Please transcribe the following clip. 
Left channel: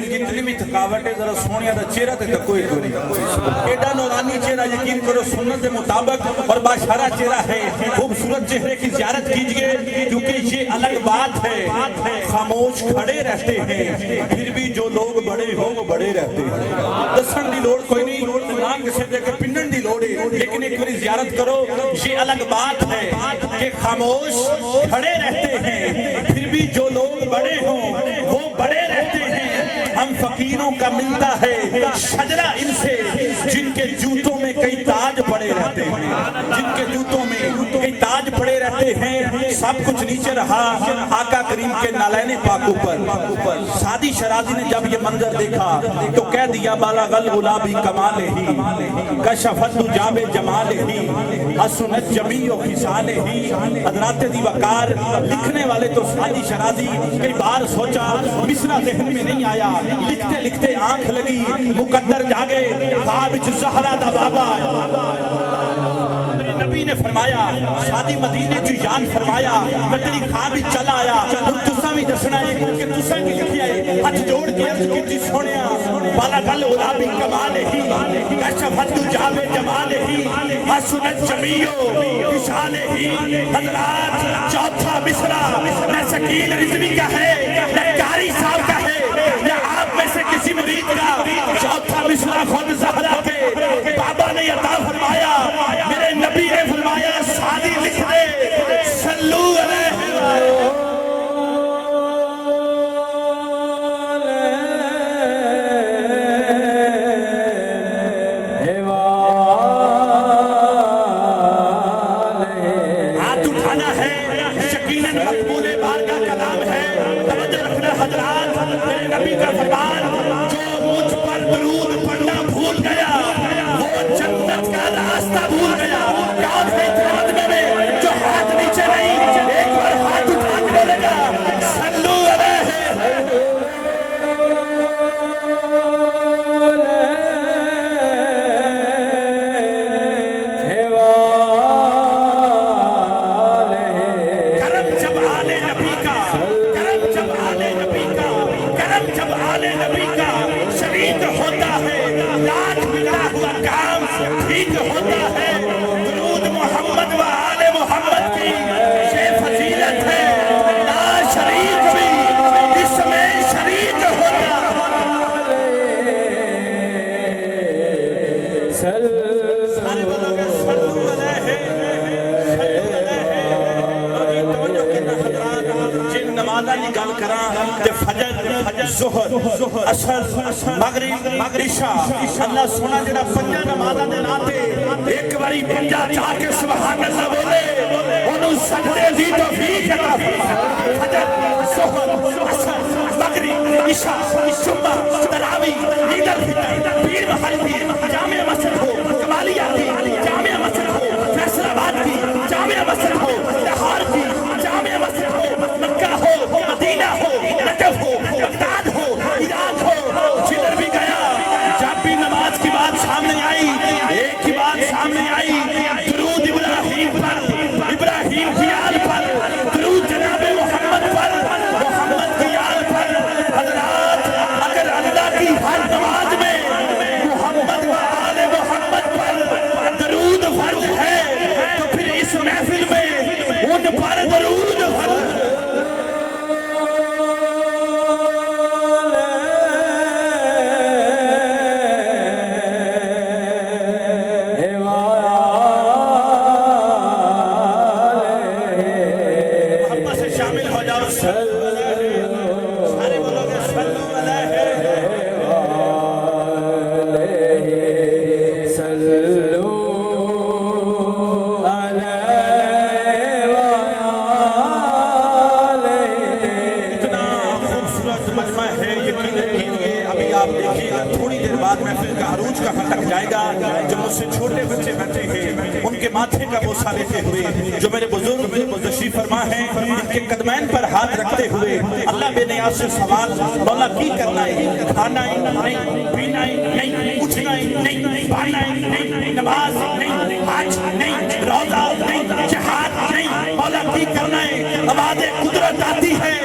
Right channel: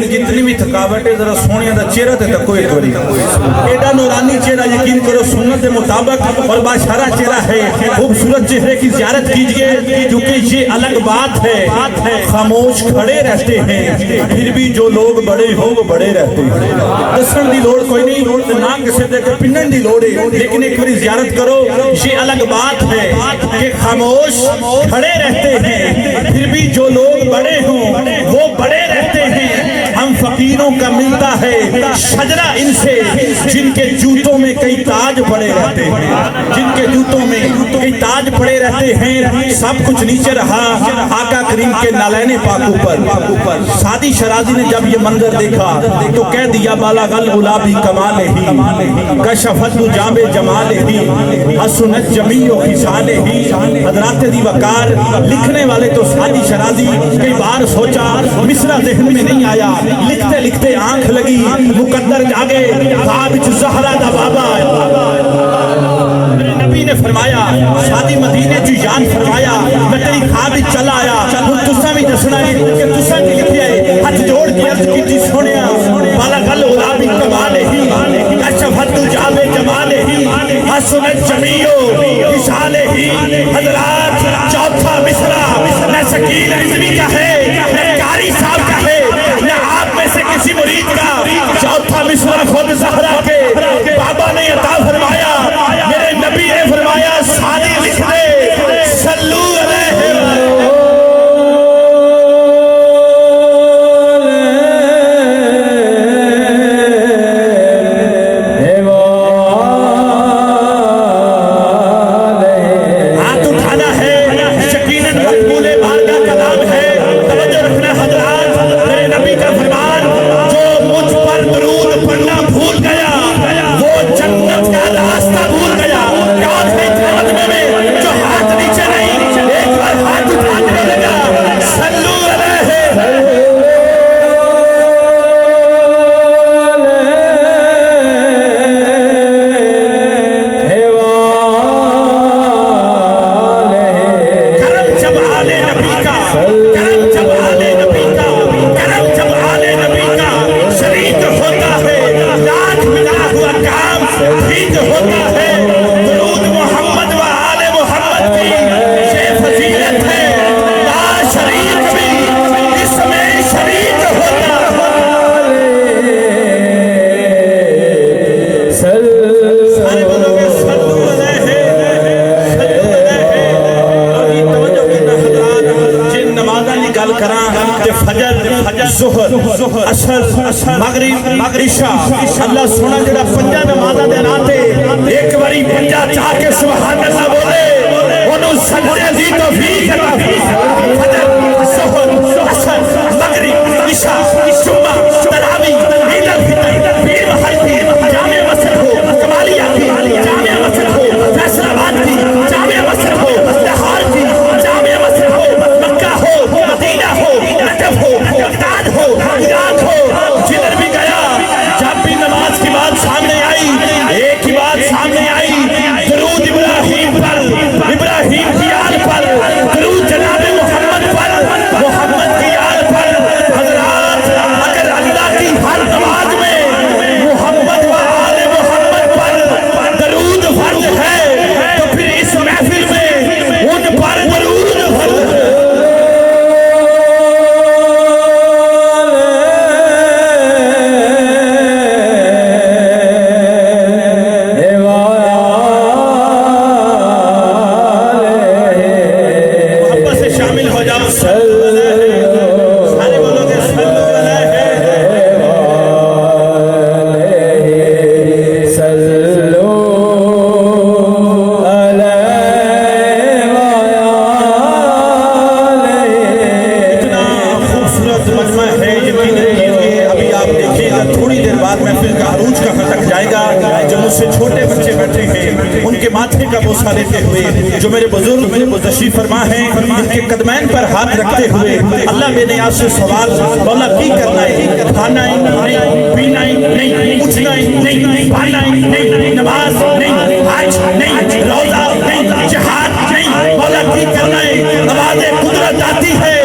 लेकिन जितनी भी थकावट है जरा सोनिया का चेहरा ते तको एक बारी एडा नूरानी चेहरा यकीन करो सुन्नत के मुताबिक और बाशारा चेहरा है। खूबसूरत चेहरे की ज़ियारत कीजिए क्योंकि ये अलग बात है। खामोश खड़े रहते हैं फिर भी जो लोग बड़े हो वो बड़े रहते हैं। दसन की लोड़ कोई नहीं ना किसी दे के पिन्नन की लोड़ है, लेकिन एक बार ज़ियारत करो। ये अलग बात है कि खामोश खड़े रहते हैं फिर भी जो लोग बड़े हों वो बड़े रहते हैं। हम फकीरों का मिलता है शजरा इनसे जिनके जूतों में कई ताज पड़े रहते हैं, जिनके जूतों में कई ताज पड़े रहते हैं। सब कुछ नीचे रहा आका करीम के नालैने पाकू पर। शादी शराजी ने जब ये मंजर देखा तो कह दिया बालागल गुलाबी कमाल ही कशफत जाबे जमाल ही हसनत जमीओ खिसाले ही। हजरात दी वकार लिखने वाले तो शादी शराजी कई बार सोचा मिसरा ज़हन में नहीं आया, लिखते लिखते आंख लगी मुकद्दर जागे ख्वाब च ज़हरा दा बाबा। नबी ने फरमाया शादी मदीने च याद फरमाया मैं तेरी ख्वाब च चला आया। हुण तुसां भी दसना है कि तुसां की लिखिया है। हाथ जोड़ के अर्ज कीती सोहणिया बाला गल गुलाबी कमाल ही कशफत जाबे जमाल ही हसनत जमीओ खिसाले ही। हजरात चौथा मिसरा न शकील रिजवी का है न कारी साहब का है न आप में से किसी मुरीद का। चौथा मिसरा खुद ज़हरा के बाबा ने अता फरमाया। मेरे नबी ने फरमाया शादी लिख दे सल्लू अलैहि अल्लाह सोना जरा पंजा नमाज़ां दे नाते एक बारी पंजा चाह के सुभान अल्लाह बोले ओनू सजदे दी तौफीक अता फजर ज़ोहर असर मगरिब इशा जुम्मा तरावी ईद अल फितर पीर महल जामिया मस्जिद हो कमालिया की जामिया मस्जिद हो फैसलाबाद की जामिया मस्जिद हो लाहौर की जामिया मस्जिद हो मक्का हो मदीना हो नजफ हो बगदाद हो इराक हो जिधर भी गया जब भी नमाज की बात सामने आई एक ही बात सामने आई दरूद इब्राहिम पर इब्राहिम की आल पर दरूद जनाब मोहम्मद पर मोहम्मद की आल पर। हजरात अगर अल्लाह की हर नमाज में मोहम्मद व आले मोहम्मद पर दरूद फर्ज है तो फिर इस महफिल में उन पर दरूद फर्ज है। माथे का बोसा लेते हुए जो मेरे बुजुर्ग तशरीफ फरमा हैं इनके कदमैन पर हाथ रखते हुए अल्लाह बेनियाज से सवाल मौला की करना है खाना ही नहीं पीना ही नहीं उठना ही नहीं पढ़ना ही नहीं नमाज नहीं हज नहीं रोजा नहीं जिहाद नहीं मौला की करना है आवाज़ कुदरत आती है